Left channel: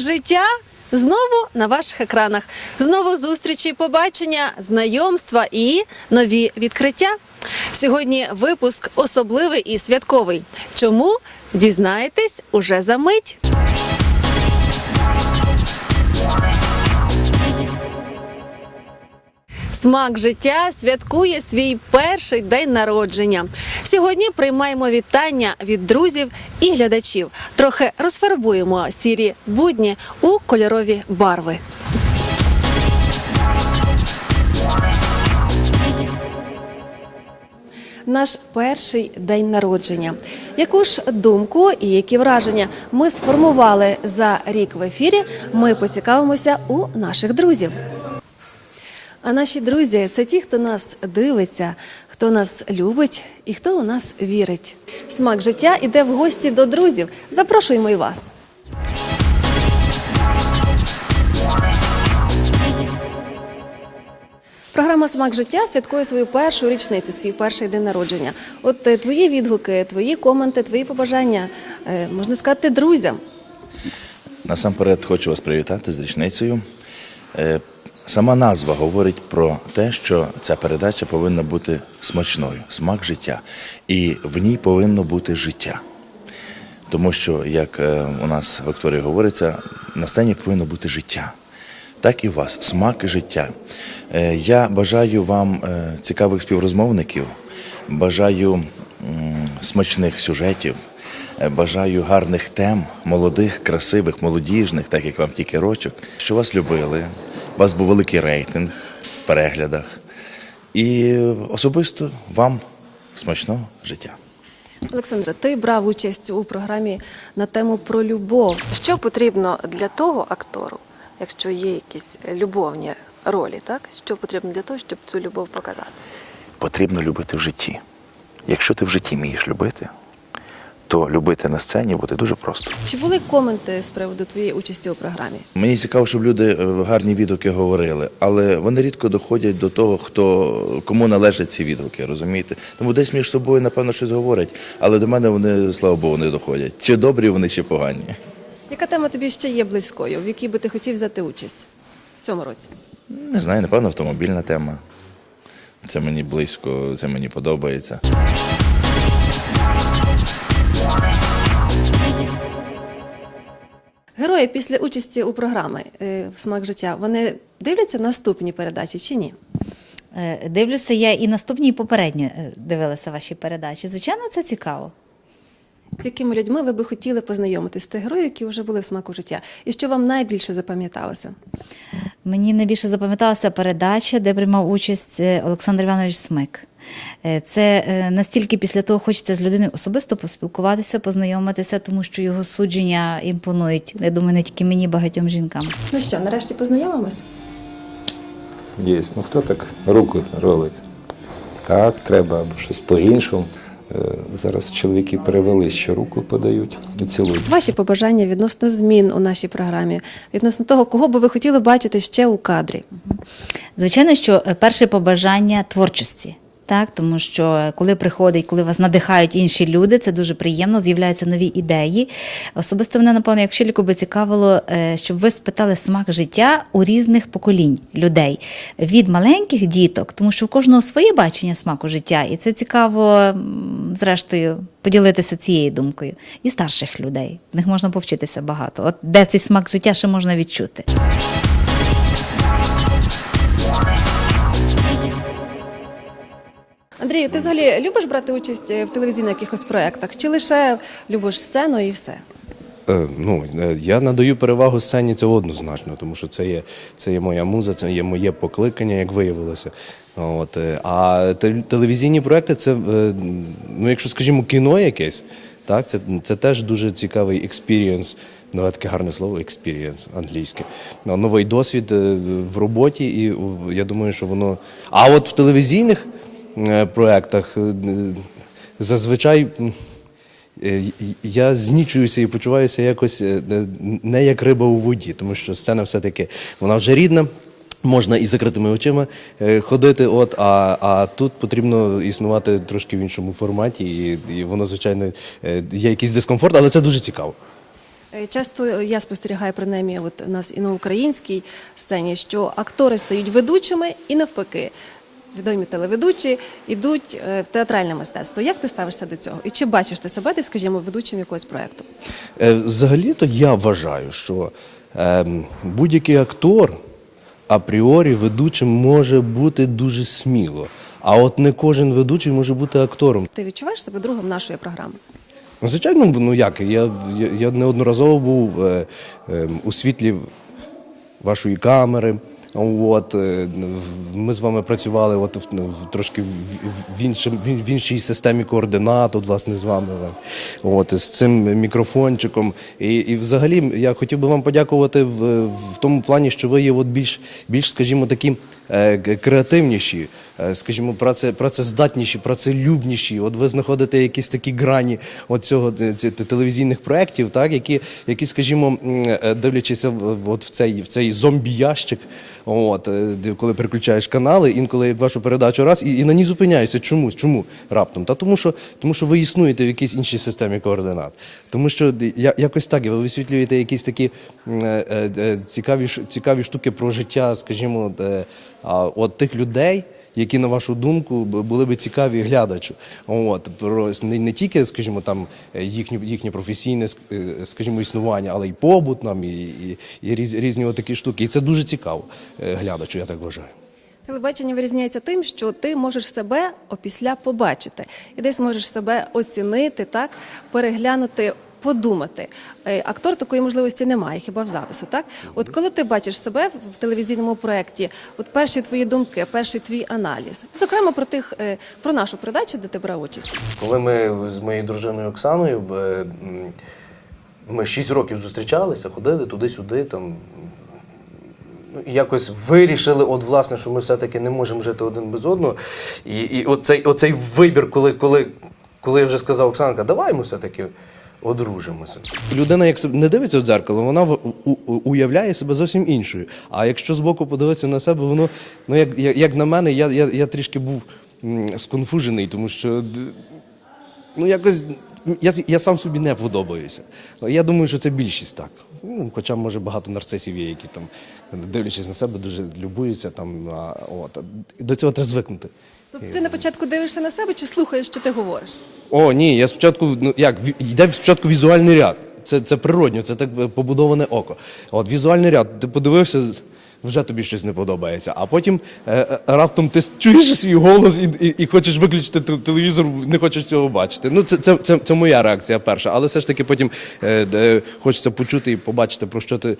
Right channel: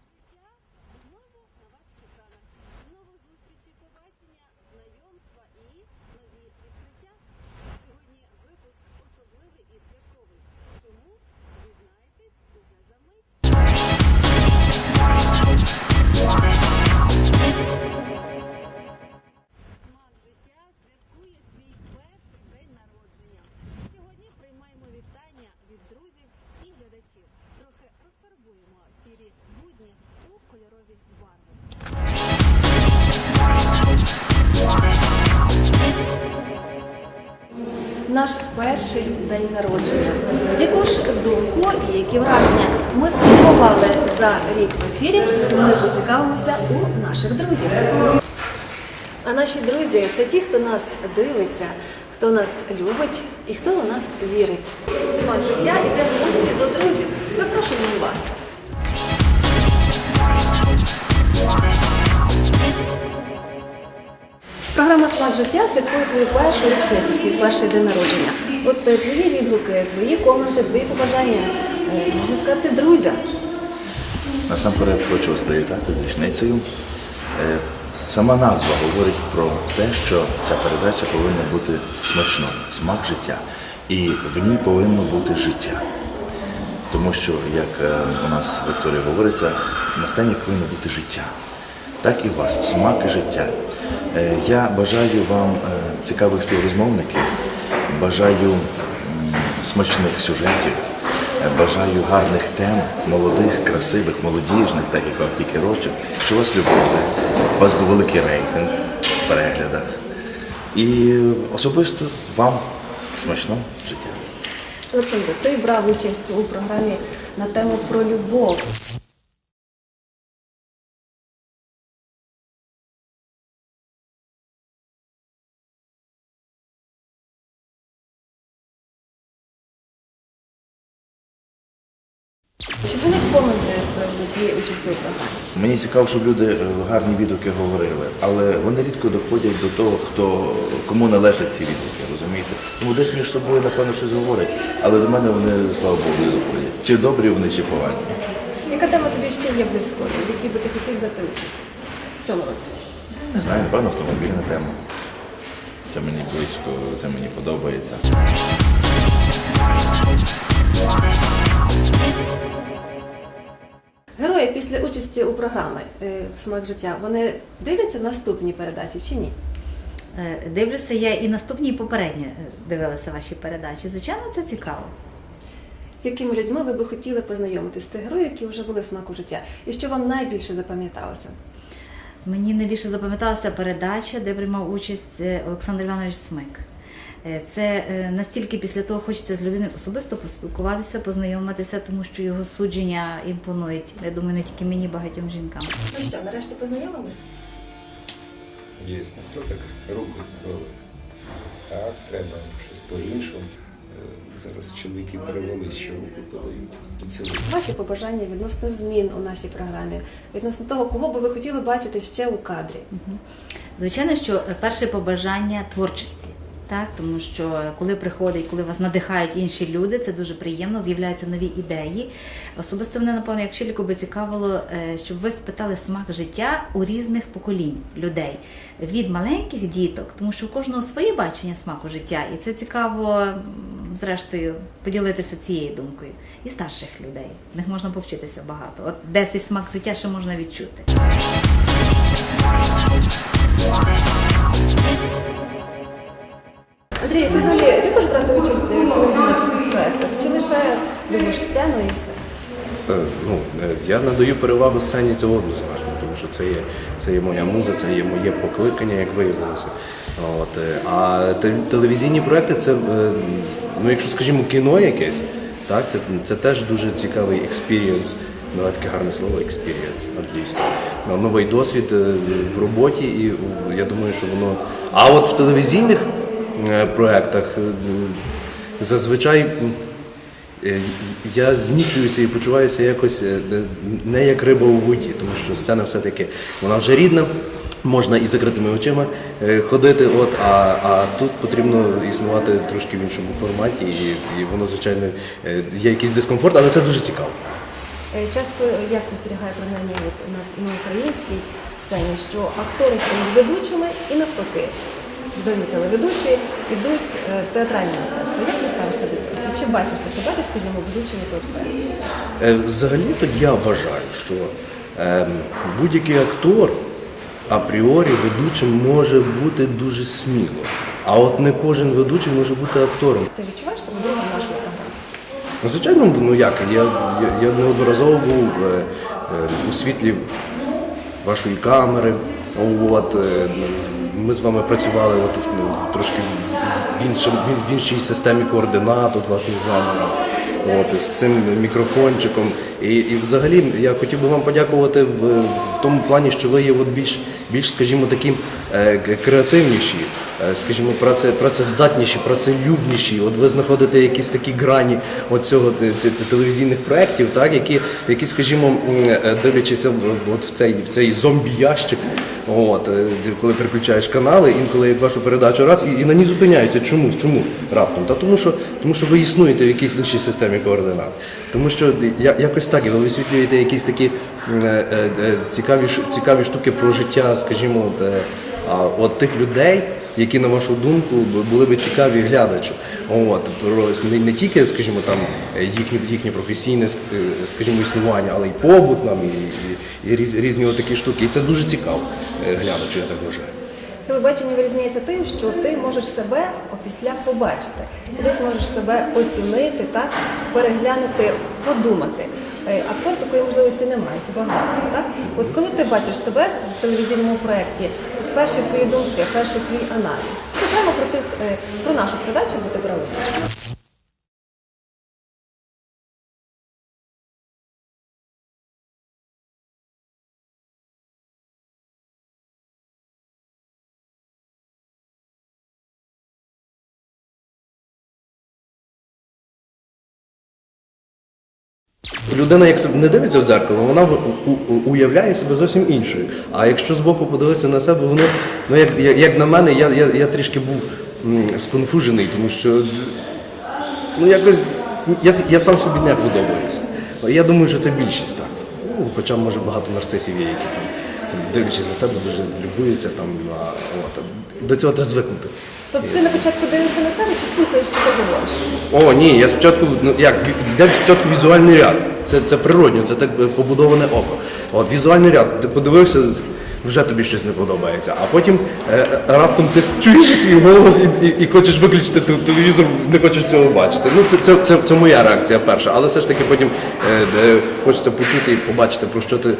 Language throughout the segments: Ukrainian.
Життя знову на ваших екранах. Знову зустрічі, побачення, знайомства і нові відкриття. Сьогодні випуск особливий і святковий. Чому дізнаєтесь уже за мить? Смак життя святкує свій перший день народження. Сьогодні приймаємо вітання від друзів і глядачів. Трохи розфарбуємо сірі будні у кольорові барви. Наш перший день народження. Яку ж думку і які враження ми сформували за рік в ефірі? Ми поцікавимося у наших друзів. А наші друзі це ті, хто нас дивиться, хто нас любить і хто у нас вірить. Смак життя іде в гості до друзів. Запрошуємо і вас. Програма Смак життя святкує свою першу річницю, свій перший день народження. От е, твої відгуки, твої коменти, твої побажання, е, можна сказати, друзям. Насамперед хочу вас привітати з річницею. Сама назва говорить про те, що ця передача повинна бути смачною, смак життя. І в ній повинно бути життя. Тому що, як е, у нас в Вікторії говориться, на сцені повинно бути життя. Так і у вас смак життя. Е, Я бажаю вам е, цікавих співрозмовників, бажаю смачних сюжетів, бажаю гарних тем, молодих, красивих, молодіжних, так як вам тільки рочок, що вас любили, у вас був великий рейтинг в переглядах. І особисто вам смачного життя. Олександре, ти брав участь у програмі на тему про любов. Що потрібно для того актору, якщо є якісь любовні ролі, так? Що потрібно для того, щоб цю любов показати? потрібно любити в житті. Якщо ти в житті вмієш любити, то любити на сцені буде дуже просто. Чи були коменти з приводу твоєї участі у програмі? Мені цікаво, щоб люди е, гарні відгуки говорили, але вони рідко доходять до того, хто кому належать ці відгуки, розумієте? Тому десь між собою, напевно, щось говорять, але до мене вони, слава Богу, не доходять. Чи добрі вони, чи погані. Яка тема тобі ще є близькою, в якій би ти хотів взяти участь в цьому році? Не знаю, напевно, автомобільна тема. Це мені близько, це мені подобається. Герої після участі у програмі е, Смак життя вони дивляться наступні передачі чи ні? Е, Дивлюся, я і наступні, і попередні е, дивилася ваші передачі. Звичайно, це цікаво. З якими людьми ви би хотіли познайомитися з тих героїв, які вже були в смаку життя? І що вам найбільше запам'яталося? Мені найбільше запам'яталася передача, де приймав участь Олександр Іванович Смик. Е, Це е, настільки після того хочеться з людиною особисто поспілкуватися, познайомитися, тому що його судження імпонують. Я думаю, не тільки мені, багатьом жінкам. Ну що, нарешті познайомимось? Є. Ну хто так руку робить? Так, треба або щось по-іншому. Е, Зараз чоловіки перевелись, що руку подають і цілують. Ваші побажання відносно змін у нашій програмі, відносно того, кого би ви хотіли бачити ще у кадрі. Звичайно, що перше побажання творчості. Так, тому що коли приходить, коли вас надихають інші люди, це дуже приємно, з'являються нові ідеї. Особисто мене, напевно, як вчительку би цікавило, е, щоб ви спитали смак життя у різних поколінь людей від маленьких діток, тому що у кожного своє бачення смаку життя, і це цікаво, зрештою, поділитися цією думкою. І старших людей. В них можна повчитися багато. От де цей смак життя ще можна відчути. Андрій, ти взагалі любиш брати участь в телевізійних якихось проєктах? Чи лише любиш сцену і все? Е, Ну, е, я надаю перевагу сцені цього однозначно, тому що це є, це є моя муза, це є моє покликання, як виявилося. От, е, а те- телевізійні проекти це, е, ну, якщо скажімо, кіно якесь, так, це, це теж дуже цікавий експірієнс. Нове таке гарне слово експірієнс англійське. Ну, Новий досвід в роботі, і я думаю, що воно. А от в телевізійних проектах е, зазвичай. Е, Я знічуюся і почуваюся якось е, не- як риба у воді, тому що сцена все-таки вона вже рідна, можна і закритими очима е, ходити, от, а, а тут потрібно існувати трошки в іншому форматі, і, і воно, звичайно, е, є якийсь дискомфорт, але це дуже цікаво. Е, Часто я спостерігаю принаймні от у нас і на українській сцені, що актори стають ведучими і навпаки. Відомі телеведучі йдуть е, в театральне мистецтво. Як ти ставишся до цього? І чи бачиш ти себе, ти, скажімо, ведучим якогось проєкту? Е, Взагалі-то я вважаю, що е, будь-який актор апріорі ведучим може бути дуже сміло. А от не кожен ведучий може бути актором. Ти відчуваєш себе другом нашої програми? Ну, звичайно, ну як, я, я, я неодноразово був е, е, у світлі вашої камери. От, е, ми з вами працювали от, в- ну, трошки в, іншим, в іншій системі координат, от, власне, з вами. От, з цим мікрофончиком. І, і взагалі я хотів би вам подякувати в, в тому плані, що ви є от більш, більш скажімо, такі е, креативніші е, скажімо, праце, працездатніші, працелюбніші. От ви знаходите якісь такі грані от цього те- те- те- телевізійних проєктів, так, які, які, скажімо, е, в- от в цей, в цей зомбі-ящик, от, коли переключаєш канали, інколи вашу передачу раз і, і на ній зупиняєшся. Чому? Чому раптом? Та тому що, тому що ви існуєте в якійсь іншій системі координат. Тому що якось так, ви висвітлюєте якісь такі е, е, е, цікаві, цікаві штуки про життя, скажімо, от тих людей, які, на вашу думку, були би цікаві глядачу. От, про не, не тільки, скажімо, там е, їхнє, професійне скажімо, існування, але й побут нам, і, і, і різ, різні такі штуки. І це дуже цікаво глядачу, я так вважаю. Телебачення вирізняється тим, що ти можеш себе опісля побачити, і десь можеш себе оцінити, так переглянути, подумати. Е, Актор такої можливості немає, хіба в запису. Так, от коли ти бачиш себе в телевізійному проєкті, перші твої думки, перший твій аналіз, зокрема про тих е, про нашу передачу, де ти брав участь. Коли ми з моєю дружиною Оксаною, е, ми 6 років зустрічалися, ходили туди-сюди, там. Якось вирішили, от власне, що ми все-таки не можемо жити один без одного. І, і оцей, оцей вибір, коли, коли, коли я вже сказав Оксанка, давай ми все-таки одружимося. Людина, як не дивиться в дзеркало, вона уявляє себе зовсім іншою. А якщо збоку подивитися на себе, воно, ну як, як на мене, я, я, я трішки був сконфужений, тому що ну якось я, я сам собі не подобаюся. Я думаю, що це більшість так. Ну, хоча може багато нарцисів є, які там, дивлячись на себе, дуже любуються там. А, от. До цього треба звикнути. Тобто ти на початку дивишся на себе чи слухаєш, що ти говориш? О, ні, я спочатку, ну як, йде спочатку візуальний ряд. Це, це природньо, це так е, побудоване око. От візуальний ряд, ти подивився, вже тобі щось не подобається. А потім е, е, раптом ти чуєш свій голос і, і, і хочеш виключити телевізор, не хочеш цього бачити. Ну, це, це, це, це моя реакція перша. Але все ж таки потім е, де хочеться почути і побачити, про що ти е,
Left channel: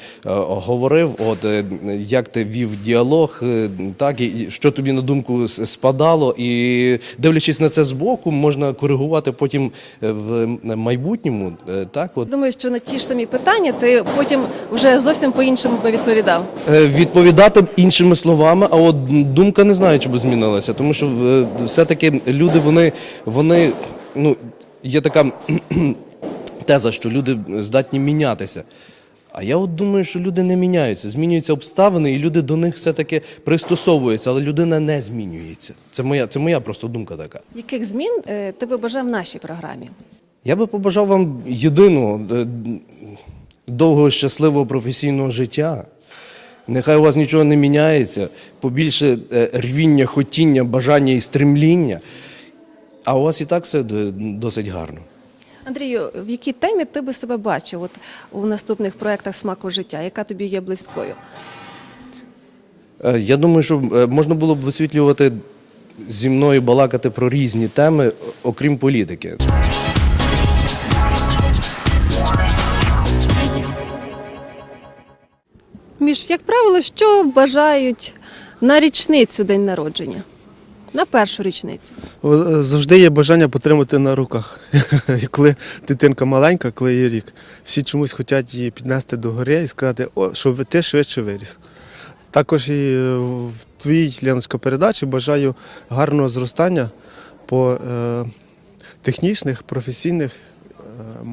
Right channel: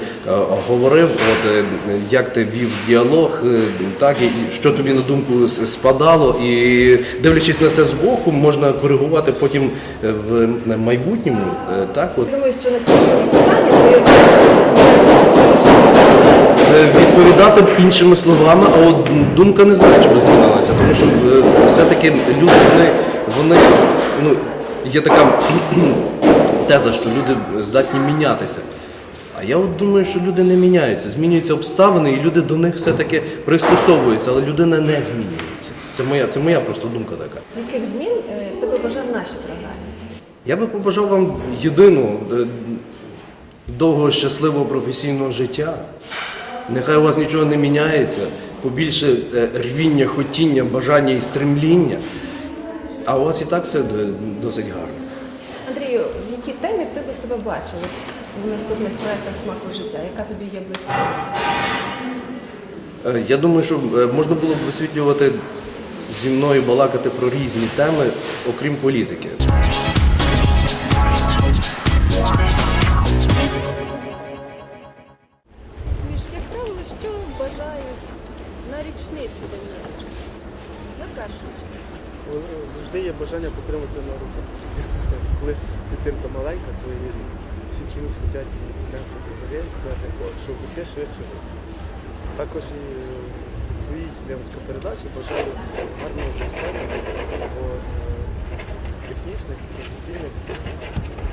говорив, от, е, як ти вів діалог, е, так, і, що тобі на думку спадало. І дивлячись на це збоку, можна коригувати потім е, в майбутньому. е, Так, от. Думаю, що на ті ж самі питання ти потім вже зовсім по-іншому відповідав. Відповідати іншими словами, а от думка не знаю, чи би змінилася, тому що е, все-таки люди, вони, вони ну, є така теза, що люди здатні мінятися. А я от думаю, що люди не міняються, змінюються обставини, і люди до них все-таки пристосовуються, але людина не змінюється. Це моя, це моя просто думка така. Яких змін е, ти би бажав в нашій програмі? Я би побажав вам єдиного е, довгого щасливого професійного життя. Нехай у вас нічого не міняється, побільше е, рвіння, хотіння, бажання і стремління. А у вас і так все досить гарно. Андрію, в якій темі ти би себе бачив от, у наступних проєктах смаку життя, яка тобі є близькою? Е, Я думаю, що е, можна було б висвітлювати зі мною балакати про різні теми, окрім політики. Між, як правило, що бажають на річницю день народження? На першу річницю. Завжди є бажання потримати на руках. Коли дитинка маленька, коли є рік, всі чомусь хочуть її піднести до гори і сказати, о, щоб ти швидше виріс. Також і е, в твоїй Леночка передачі бажаю гарного зростання по е, технічних, професійних,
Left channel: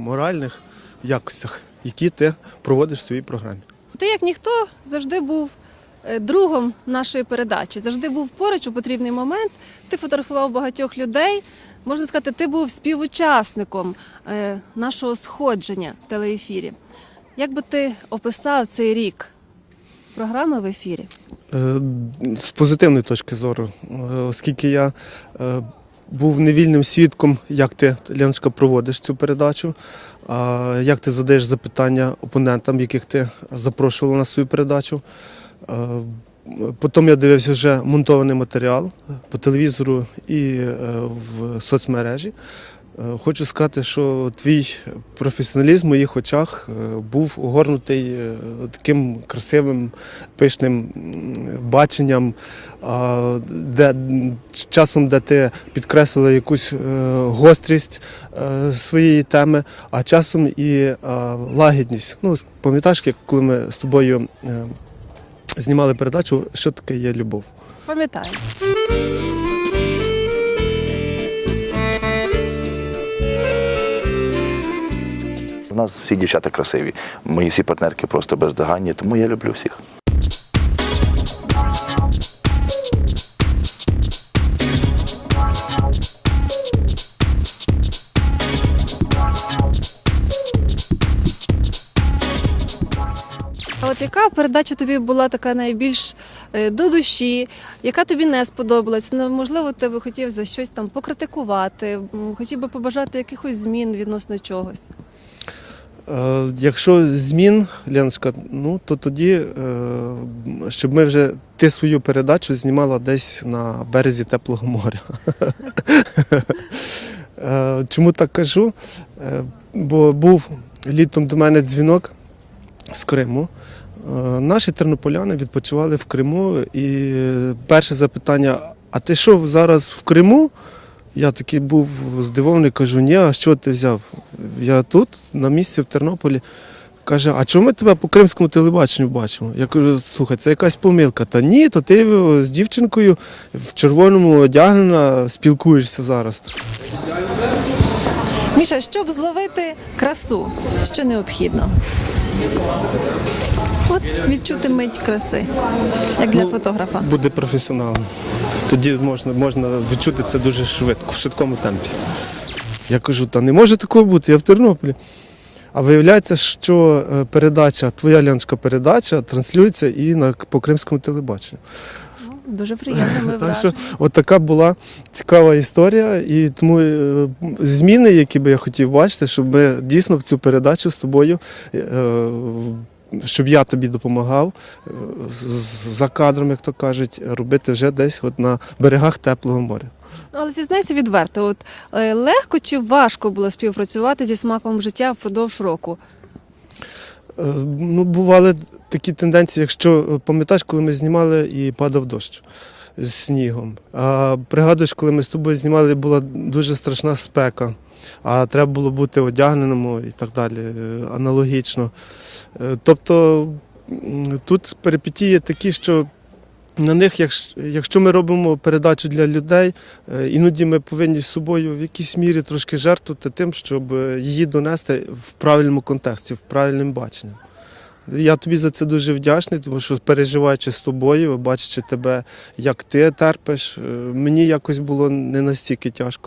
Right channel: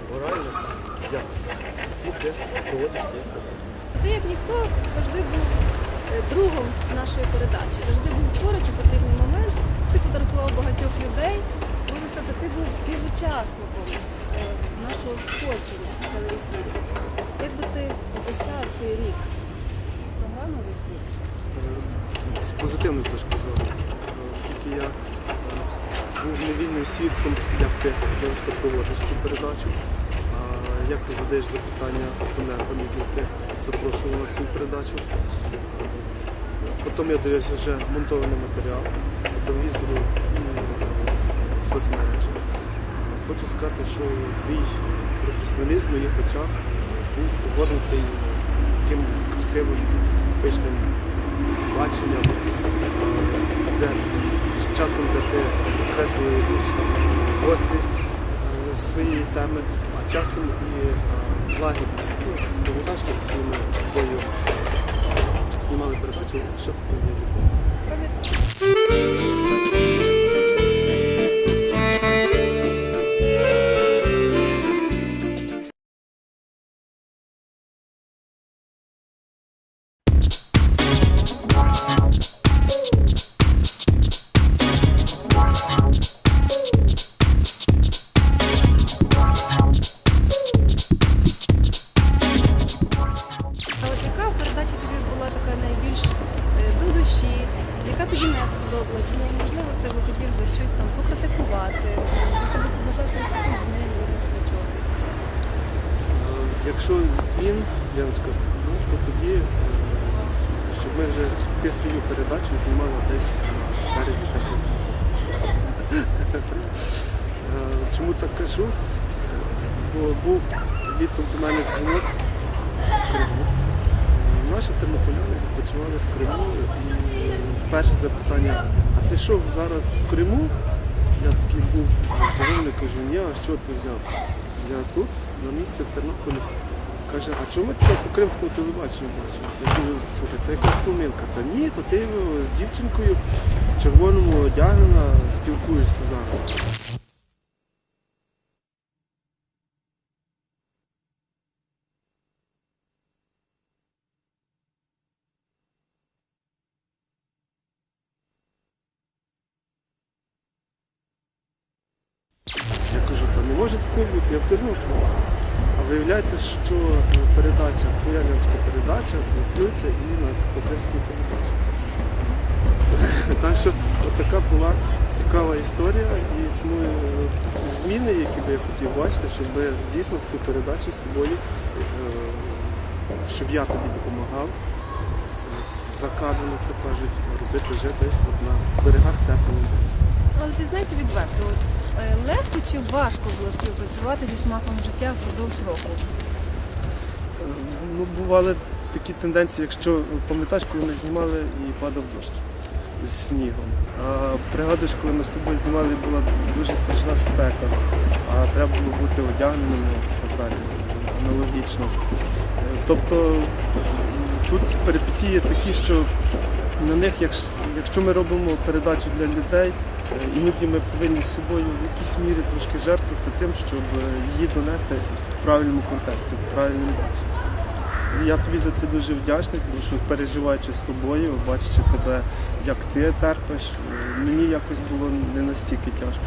моральних якостях, які ти проводиш в своїй програмі. Ти, як ніхто, завжди був е, другом нашої передачі, завжди був поруч у потрібний момент. Ти фотографував багатьох людей. Можна сказати, ти був співучасником е, нашого сходження в телеефірі. Як би ти описав цей рік програми в ефірі? Е, З позитивної точки зору, оскільки я був невільним свідком, як ти, Леночка, проводиш цю передачу, як ти задаєш запитання опонентам, яких ти запрошувала на свою передачу. Потім я дивився вже монтований матеріал по телевізору і е, в соцмережі. Е, Хочу сказати, що твій професіоналізм в моїх очах е, був огорнутий таким красивим, пишним баченням, де часом, де ти підкреслила якусь гострість своєї теми, а часом і е, лагідність. Ну, пам'ятаєш, як коли ми з тобою е, знімали передачу, що таке є любов? Пам'ятаю. У нас всі дівчата красиві. Мої всі партнерки просто бездоганні, тому я люблю всіх. Передача тобі була така найбільш е, до душі, яка тобі не сподобалась? Ну, можливо, ти би хотів за щось там покритикувати, хотів би побажати якихось змін відносно чогось. Е, Якщо змін, Леночка, ну то тоді, е, щоб ми вже ти свою передачу знімала десь на березі теплого моря. Чому так кажу? Бо був літом до мене дзвінок з Криму. Е, Наші тернополяни відпочивали в Криму, і перше запитання: а ти що зараз в Криму? Я такий був здивований, кажу, ні, а що ти взяв? Я тут, на місці в Тернополі. Каже, а чому ми тебе по кримському телебаченню бачимо? Я кажу, слухай, це якась помилка. Та ні, то ти з дівчинкою в червоному одягнена спілкуєшся зараз. Міша, щоб зловити красу, що необхідно? От відчути мить краси, як для Ну, фотографа. Буде професіоналом. Тоді можна, можна відчути це дуже швидко, в швидкому темпі. Я кажу, та не може такого бути, я в Тернополі. А виявляється, що е, передача, твоя лянська передача транслюється і на по кримському телебаченню. Дуже приємно. Так що от така була цікава історія, і тому е, зміни, які би я хотів бачити, щоб ми дійсно цю передачу з тобою, е, щоб я тобі допомагав за кадром, як то кажуть, робити вже десь от на берегах теплого моря. Але зізнайся відверто, от е, легко чи важко було співпрацювати зі смаком життя впродовж року? Е, Ну, бували такі тенденції, якщо е, пам'ятаєш, коли ми знімали і падав дощ з снігом. А пригадуєш, коли ми з тобою знімали, була дуже страшна спека, а треба було бути одягненому і так далі, аналогічно. Е, Тобто тут перипетії такі, що на них, якщо, ми робимо передачу для людей, е, іноді ми повинні з собою в якійсь мірі трошки жертвувати тим, щоб е, її донести в правильному контексті, в правильному баченні. Я тобі за це дуже вдячний, тому що переживаючи з тобою, бачачи тебе, як ти терпиш, мені якось було не настільки тяжко.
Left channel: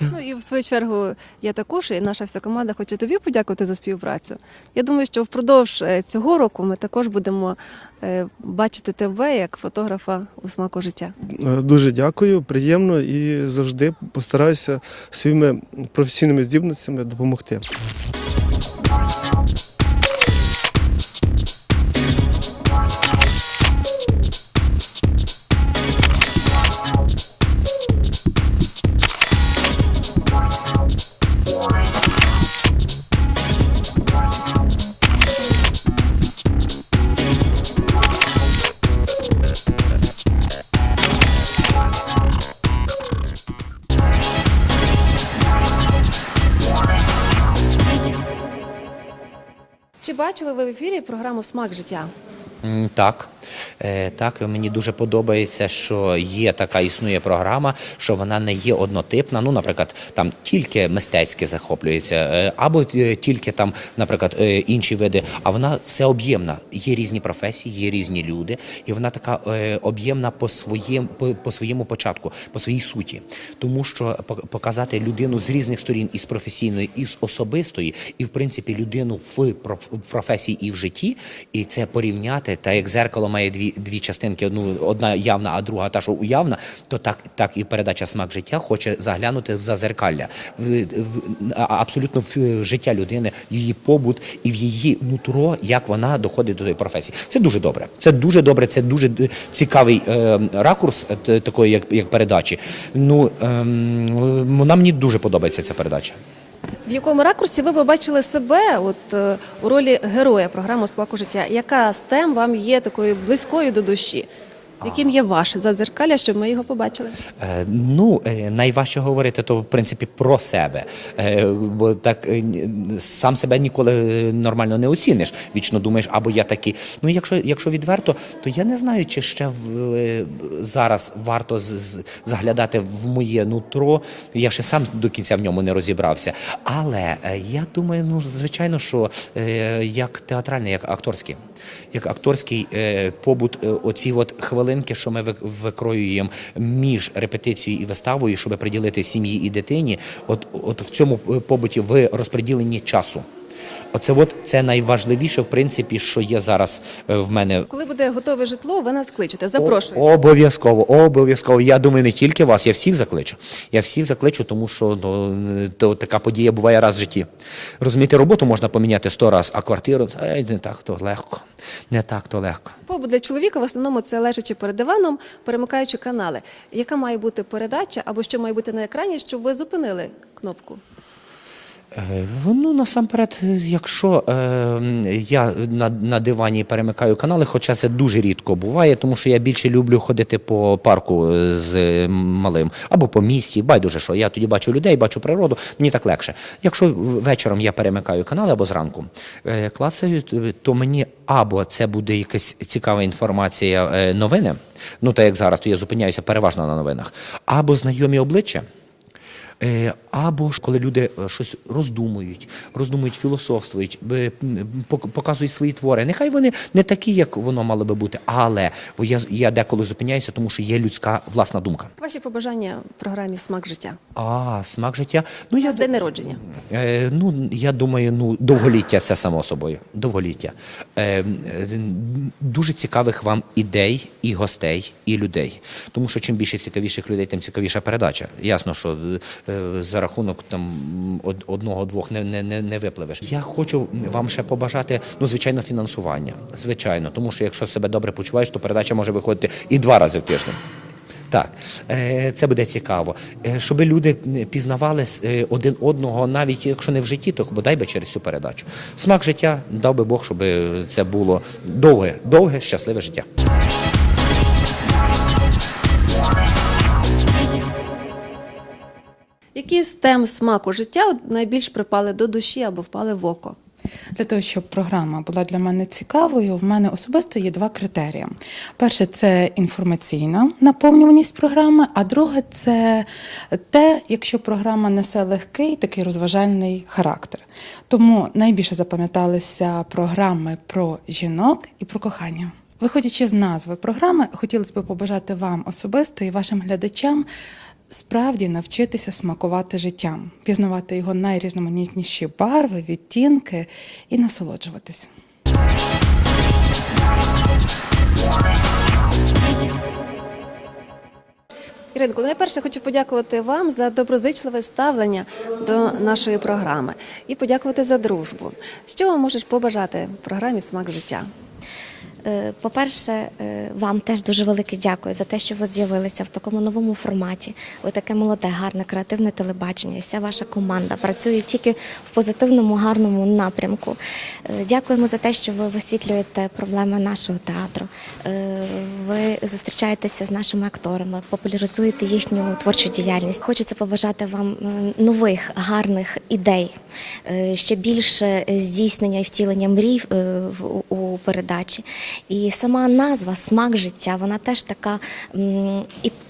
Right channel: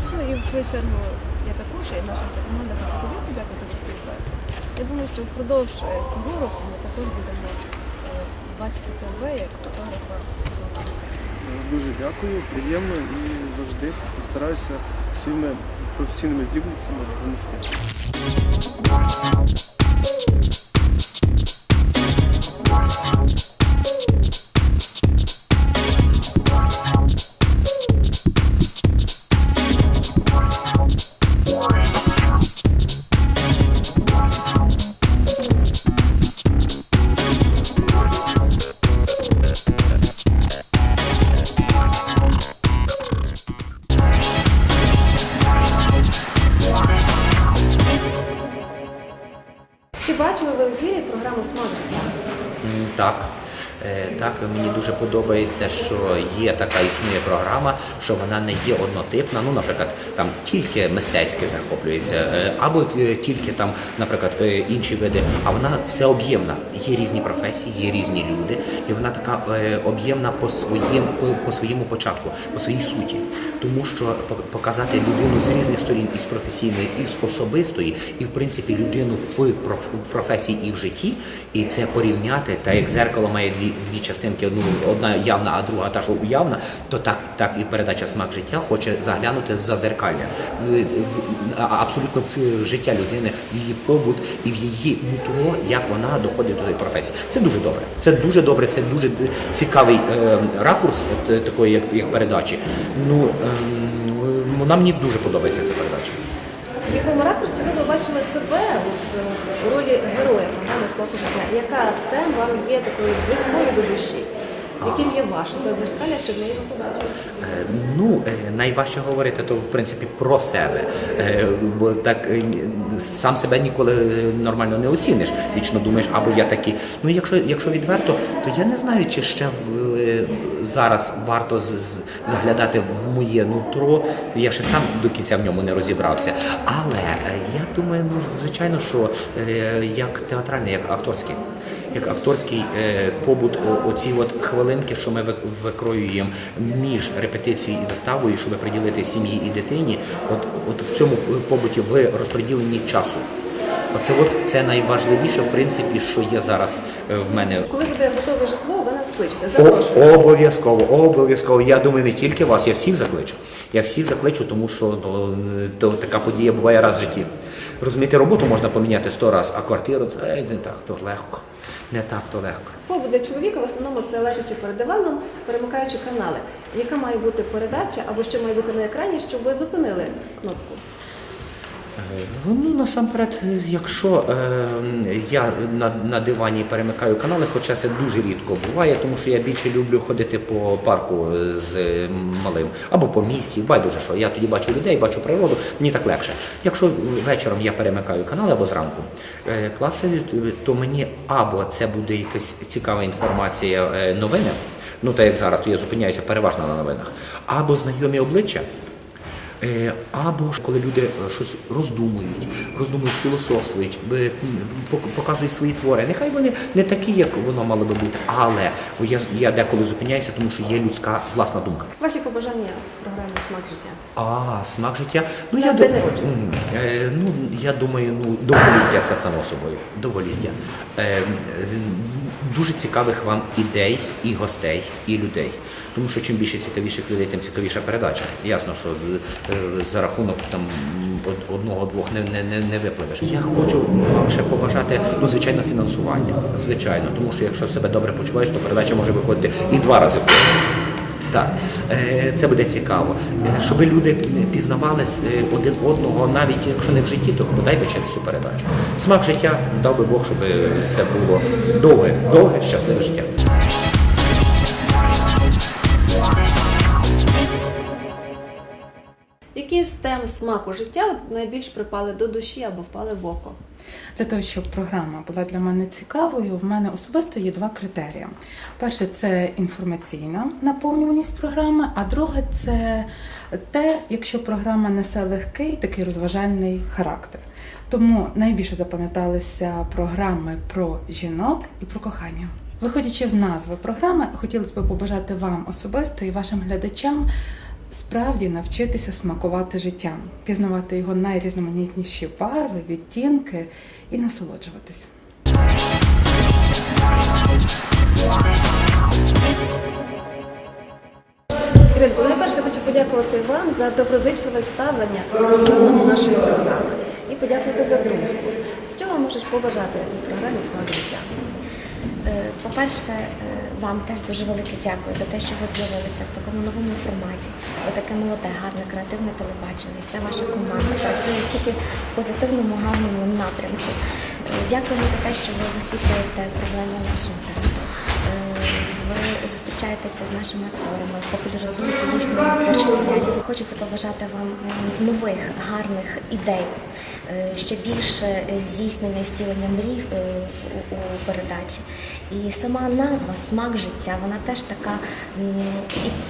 Ну і в свою чергу я також і наша вся команда хоче тобі подякувати за співпрацю. Я думаю, що впродовж е, цього року ми також будемо е, бачити тебе як фотографа смаку життя. Е, Дуже дякую, приємно і завжди постараюся своїми професійними здібницями допомогти. Чи бачили ви в ефірі програму Смак життя? Так. Е, Так, мені дуже подобається, що є така існує програма, що вона не є однотипна. Ну, наприклад, там тільки мистецьке захоплюється, е, або е, тільки там, наприклад, інші види, а вона всеоб'ємна. Є різні професії, є різні люди, і вона така об'ємна по своїм по, по своєму початку, по своїй суті. Тому що пок- показати людину з різних сторін, і з професійної, і з особистої, і в принципі людину в професії і в житті, і це порівняти, та як зеркало має дві дві частинки, одну одна явна, а друга та, що уявна, то так, так і передача смак життя хоче заглянути в зазеркалля, абсолютно в життя людини, в її побут і в її нутро, як вона доходить до тої професії. Це дуже добре. Це дуже добре, це дуже цікавий е, ракурс е, такої, як, як передачі. Ну ем, вона мені дуже подобається ця передача. В якому ракурсі ви побачили себе от, в у ролі героя програми Смаку життя? Яка з тем вам є такою близькою до душі? Яким є ваше задзеркалля, щоб ми його побачили? Е, Ну, е, найважче говорити то в принципі про себе, Е, бо так сам себе ніколи нормально не оціниш. Вічно думаєш, або я такий. Ну, якщо, якщо відверто, то я не знаю, чи ще зараз варто з- заглядати в моє нутро. Я ще сам до кінця в ньому не розібрався. Але я думаю, ну звичайно, що як театральний, як акторський, як акторський е, побут, е, оці от хвилинки, що ми викроюємо між репетицією і виставою, щоб приділити сім'ї і дитині, от, от в цьому е, побуті в розподіленні часу. Оце от це найважливіше, в принципі, що є зараз е, в мене Коли буде готове житло, ви нас кличете. Запрошую. Обов'язково, обов'язково. Я думаю, не тільки вас, я всіх закличу. Я всіх закличу, тому що ну, то, така подія буває раз в житті. Розумієте, роботу можна поміняти сто разів, а квартиру ай, не так то легко. Не так то легко. Побут для чоловіка в основному це лежачи перед диваном, перемикаючи канали. Яка має бути передача або що має бути на екрані, щоб ви зупинили кнопку? Е, Ну, насамперед, е, якщо е, я на, на дивані перемикаю канали, хоча це дуже рідко буває, тому що я більше люблю ходити по парку з е, малим або по місті, байдуже що. Я тоді бачу людей, бачу природу, мені так легше. Якщо вечором я перемикаю канали або зранку е, клацаю, то мені або це буде якась цікава інформація, е, новини, ну так як зараз, то я зупиняюся переважно на новинах, або знайомі обличчя. Е, Або ж коли люди е, щось роздумують, роздумують, філософствують, пок- показують свої твори. Нехай вони не такі, як воно мало би бути, але я, я деколи зупиняюся, тому що є людська власна думка. Ваші побажання в програмі Смак життя. А, смак життя. Ну, ду- день народження. Е, ну, я думаю, ну, довголіття це само собою. Довголіття. Е, дуже цікавих вам ідей, і гостей, і людей. Тому що чим більше цікавіших людей, тим цікавіша передача. Ясно, що за рахунок там одного-двох не, не, не, не випливеш. Я хочу вам ще побажати, ну, звичайно, фінансування. Звичайно, тому що якщо себе добре почуваєш, то передача може виходити і два рази в тиждень. Так, е, це буде цікаво. Е, Щоб люди пізнавали е, один одного, навіть якщо не в житті, то бодай би через цю передачу. Смак життя дав би Бог, щоб це було довге, довге, щасливе життя. Які з тем смаку життя найбільш припали до душі або впали в око? Для того, щоб програма була для мене цікавою, в мене особисто є два критерії. Перше це інформаційна наповнюваність програми, а друге це те, якщо програма несе легкий такий розважальний характер. Тому найбільше запам'яталися програми про жінок і про кохання. Виходячи з назви програми, хотілося б побажати вам особисто і вашим глядачам справді навчитися смакувати життям, пізнавати його найрізноманітніші барви, відтінки і насолоджуватись. Іринко, найперше хочу подякувати вам за доброзичливе ставлення до нашої програми і подякувати за дружбу. Що вам можеш побажати в програмі Смак життя? Е, По-перше, е, вам теж дуже велике дякую за те, що ви з'явилися в такому новому форматі. Ви таке молоде, гарне, креативне телебачення, і вся ваша команда працює тільки в позитивному, гарному напрямку. Дякуємо за те, що ви висвітлюєте проблеми нашого театру. Е, Ви зустрічаєтеся з нашими акторами, популяризуєте їхню творчу діяльність. Хочеться побажати вам нових гарних ідей, е, ще більше здійснення і втілення мрій е, у передачі. І сама назва Смак життя, вона теж така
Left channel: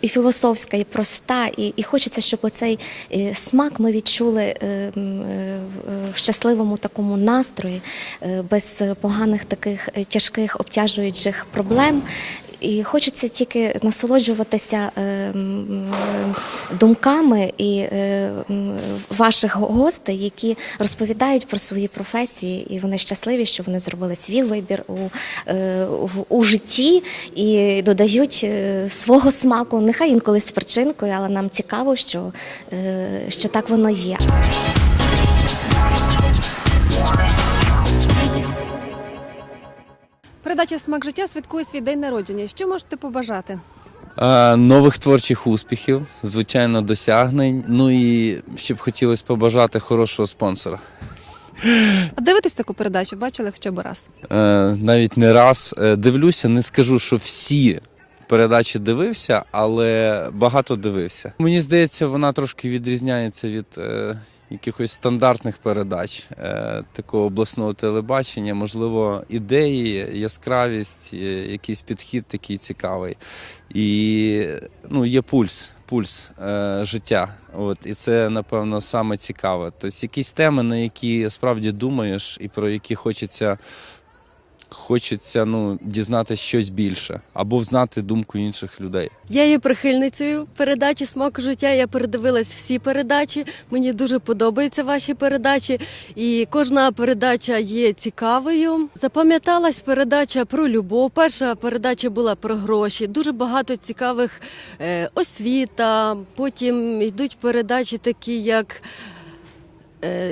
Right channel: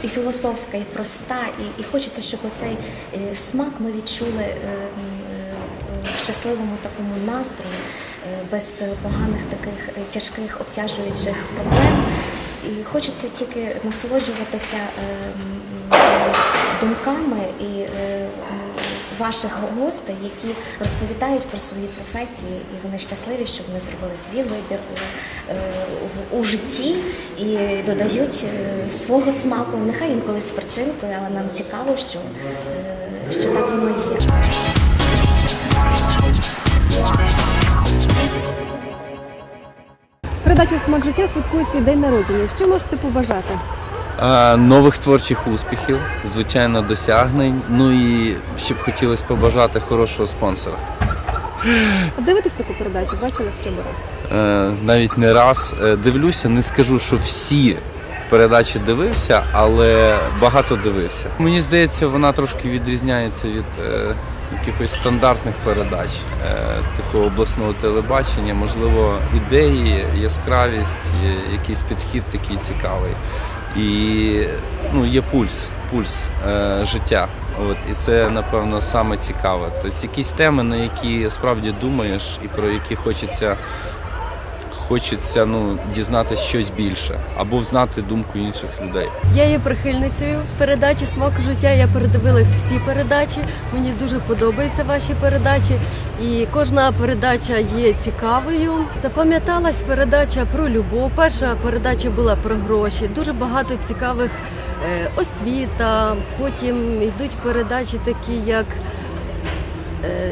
і, філософська, і проста. І, хочеться, щоб оцей е, смак ми відчули е, е, в щасливому такому настрої, е, без поганих таких е, тяжких обтяжуючих проблем. І хочеться тільки насолоджуватися е, думками і е, ваших гостей, які розповідають про свої професії, і вони щасливі, що вони зробили свій вибір у, е, у житті і додають е, свого смаку. Нехай інколи з причинкою, але нам цікаво, що, е, що так воно є. Передача Смак життя святкує свій день народження. Що можете побажати? Е, Нових творчих успіхів, звичайно, досягнень. Ну і ще б хотілося побажати хорошого спонсора. А дивитесь таку передачу? Бачили хоча б раз? Е, Навіть не раз Е, дивлюся, не скажу, що всі передачі дивився, але багато дивився. Мені здається, вона трошки відрізняється від е, якихось стандартних передач е, такого обласного телебачення. Можливо, ідеї, яскравість, е, якийсь підхід такий цікавий. І ну, є пульс, пульс е, життя. От, і це, напевно, саме цікаве. Тобто якісь теми, на які справді думаєш і про які хочеться, хочеться ну, дізнатися щось більше або знати думку інших людей. Я є прихильницею передачі Смак життя. Я передивилась всі передачі. Мені дуже подобаються ваші передачі, і кожна передача є цікавою. Запам'яталась передача про любов. Перша передача була про гроші. Дуже багато цікавих е, освіта. Потім йдуть передачі такі, як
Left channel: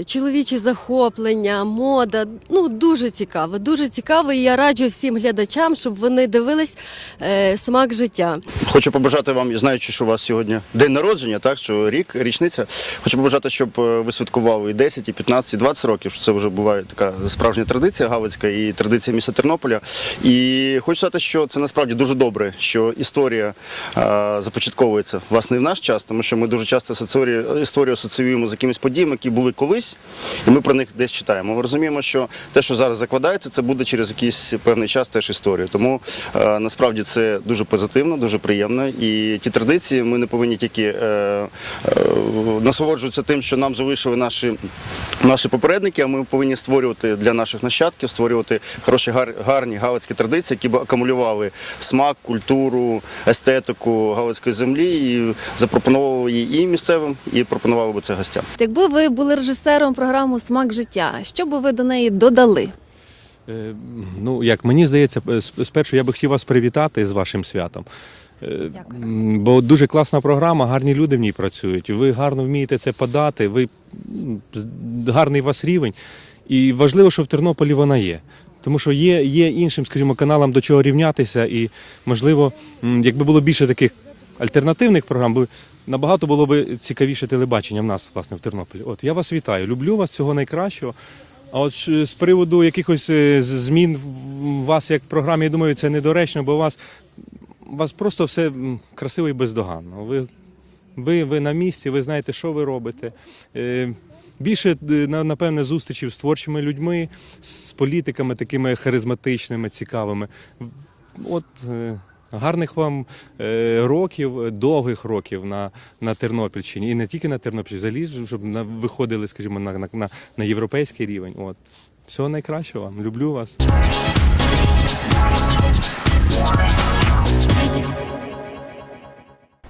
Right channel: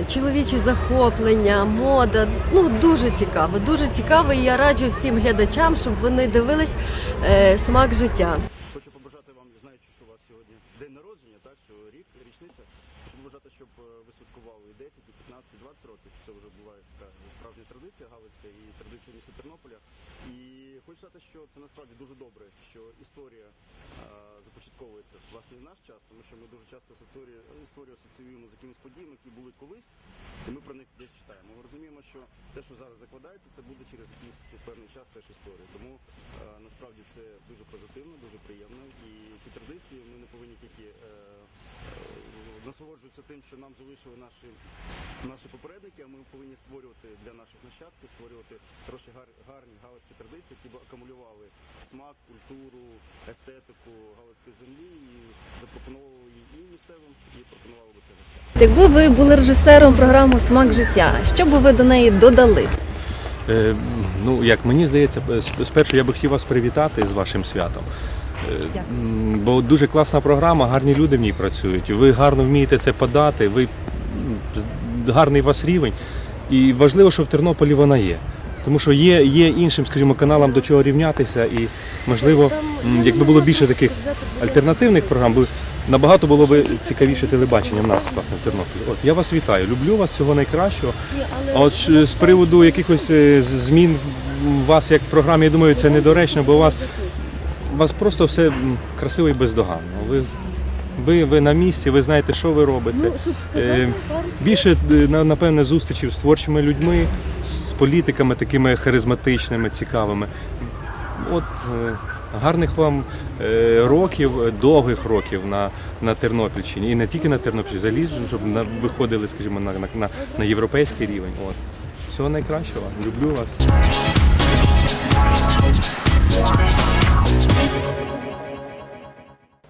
чоловічі захоплення, мода. Ну дуже цікаво, дуже цікаво. І я раджу всім глядачам, щоб вони дивились е, смак життя. Хочу побажати вам, знаючи, що у вас сьогодні день народження, так що рік, річниця. Хочу побажати, щоб е, ви святкували і 10, і 15, і 20 років. Що це вже була така справжня традиція галицька і традиція міста Тернополя. І хочу сказати, що це насправді дуже добре, що історія е, започатковується власне в наш час, тому що ми дуже часто історію асоціюємо з якимись подіями, які були колись, і ми про них десь читаємо. Ми розуміємо, що те, що зараз закладається, це буде через якийсь певний час теж історію. Тому е, насправді це дуже позитивно, дуже приємно. І ті традиції ми не повинні тільки е, е, насолоджуватися тим, що нам залишили наші, наші попередники, а ми повинні створювати для наших нащадків, створювати хороші гар, гарні галицькі традиції, які б акумулювали смак, культуру, естетику галицької землі і запропонували її і місцевим, і пропонували би це гостям. Якби ви були режисером програми Смак життя, що би ви до неї додали? Е, Ну, як мені здається, спершу я би хотів вас привітати з вашим святом. Е, м, Бо дуже класна програма, гарні люди в ній працюють. Ви гарно вмієте це подати, ви гарний у вас рівень. І важливо, що в Тернополі вона є. Тому що є, є іншим, скажімо, каналам до чого рівнятися, і можливо, якби було більше таких альтернативних програм, набагато було б цікавіше телебачення в нас власне в Тернополі. От я вас вітаю, люблю вас всього найкращого. А от з приводу якихось е, змін у вас як в програмі, я думаю, це недоречно, бо у вас, у вас просто все красиво і бездоганно. Ви, ви, ви на місці, ви знаєте, що ви робите. Е, Більше е, напевне зустрічів з творчими людьми, з політиками такими харизматичними, цікавими. От е, гарних вам е, років, довгих років на, на Тернопільщині. І не тільки на Тернопільщині, взагалі, щоб на, виходили, скажімо, на, на, на європейський рівень. От. Всього найкращого. Люблю вас.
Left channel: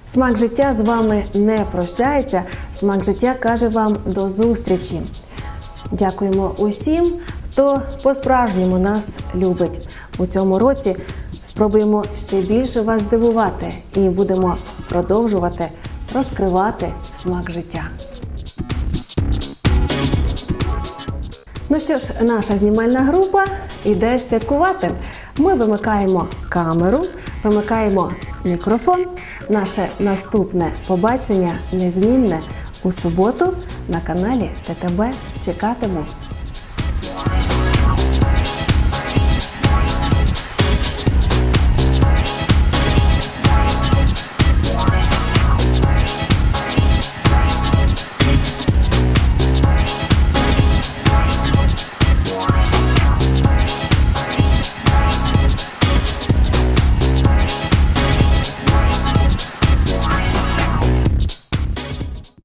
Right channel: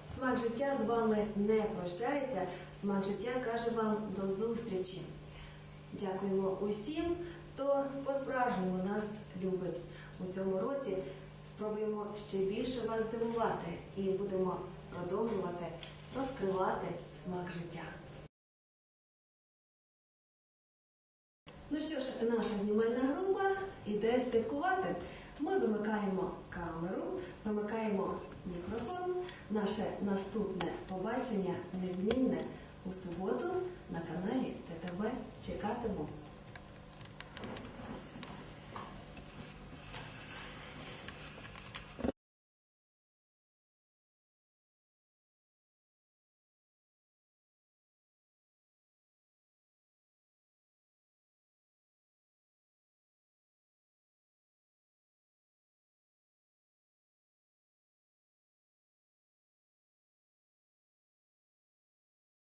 Смак життя з вами не прощається. Смак життя каже вам до зустрічі. Дякуємо усім, хто по-справжньому нас любить. У цьому році спробуємо ще більше вас здивувати і будемо продовжувати розкривати смак життя. Ну що ж, наша знімальна група йде святкувати. Ми вимикаємо камеру, вимикаємо мікрофон. Наше наступне побачення незмінне у суботу на каналі ТТБ. Чекатиму